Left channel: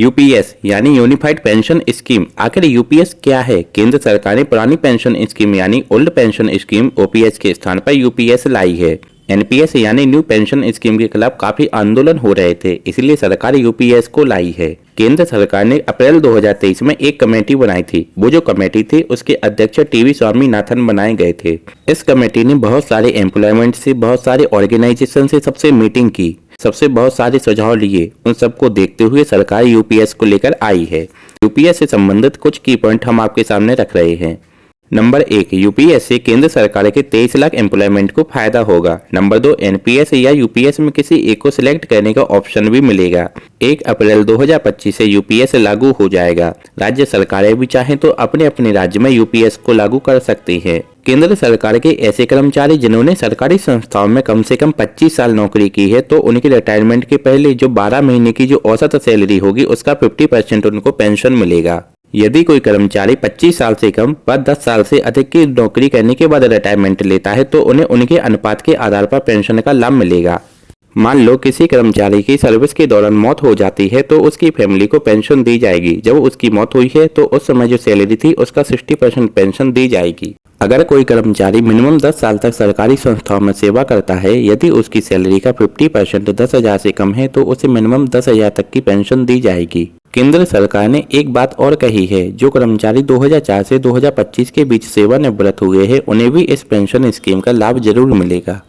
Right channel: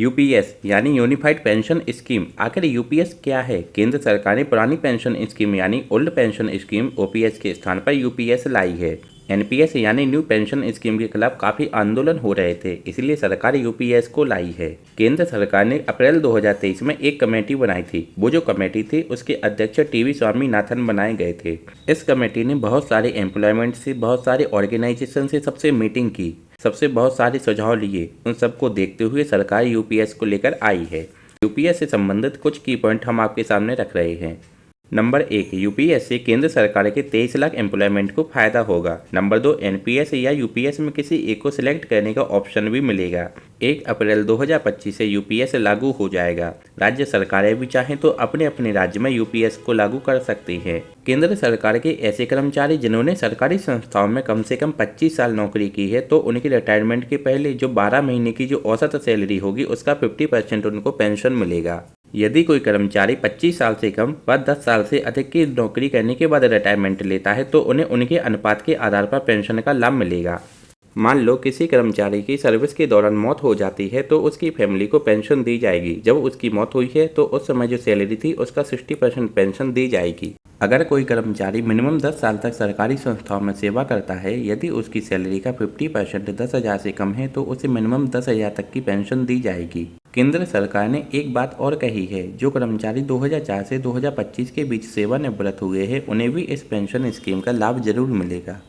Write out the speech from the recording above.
UPS यानी unified pension scheme. आखिर UPS क्या है? केंद्र सरकार ने पुरानी पेंशन स्कीम यानी ओल्ड पेंशन स्कीम ओपीएस के स्थान पर यूपीएस लाई है। एनपीएस यानी न्यू पेंशन स्कीम के खिलाफ काफी आंदोलन हो रहे थे, इसलिए सरकार यूपीएस को लाई है। केंद्र सरकार ने अप्रैल 2023 में एक कमेटी बनाई थी। वो जो कमेटी थी उसके अध्यक्ष टीवी स्वामीनाथन बनाए गए थे। इस कमेटी ने बहुत सारे एम्प्लॉयमेंट से, बहुत सारे ऑर्गेनाइजेशन से सबसे मीटिंग की, सबसे बहुत सारे सुझाव लिए। उन सबको देखते हुए सरकार यूपीएस को लेकर आई है। यूपीएस से संबंधित कुछ की पॉइंट हम आपके सामने रख रहे हैं। नंबर 1, यूपीएस से केंद्र सरकार के 23 लाख एम्प्लॉयमेंट को फायदा होगा। नंबर 2, एनपीएस या यूपीएस में किसी एक को सिलेक्ट करने का ऑप्शन भी मिलेगा। 1 अप्रैल 2025 से यूपीएस लागू हो जाएगा। राज्य सरकारें भी चाहें तो अपने अपने राज्य में यूपीएस को लागू कर सकती हैं। केंद्र सरकार के ऐसे कर्मचारी जिन्होंने सरकारी संस्थाओं में कम से कम 25 साल नौकरी की है, तो उनकी रिटायरमेंट के पहले जो 12 महीने की जो औसत सैलरी होगी उसका 50% उनको पेंशन मिलेगा। यदि कोई कर्मचारी 25 साल से कम व 10 साल से अधिक की नौकरी करने के बाद रिटायरमेंट लेता है तो उन्हें उनके अनुपात के आधार पर पेंशन का लाभ मिलेगा। मान लो किसी कर्मचारी की सर्विस के दौरान मौत हो जाती है तो उसकी फैमिली को पेंशन दी जाएगी। जब उसकी मौत हुई है तो उस समय जो सैलरी थी उसका 60% पेंशन दी जाएगी। अगर कोई कर्मचारी मिनिमम 10 साल तक सरकारी संस्थाओं में सेवा करता है, यदि उसकी सैलरी का 50% 10,000 से कम है तो उसे मिनिमम 10,000 तक की पेंशन दी जाएगी। केंद्र सरकार ने एक बात और कही है, जो कर्मचारी 2004 से 2025 के बीच सेवानिवृत्त हुए हैं उन्हें भी इस पेंशन स्कीम का लाभ जरूर मिलेगा।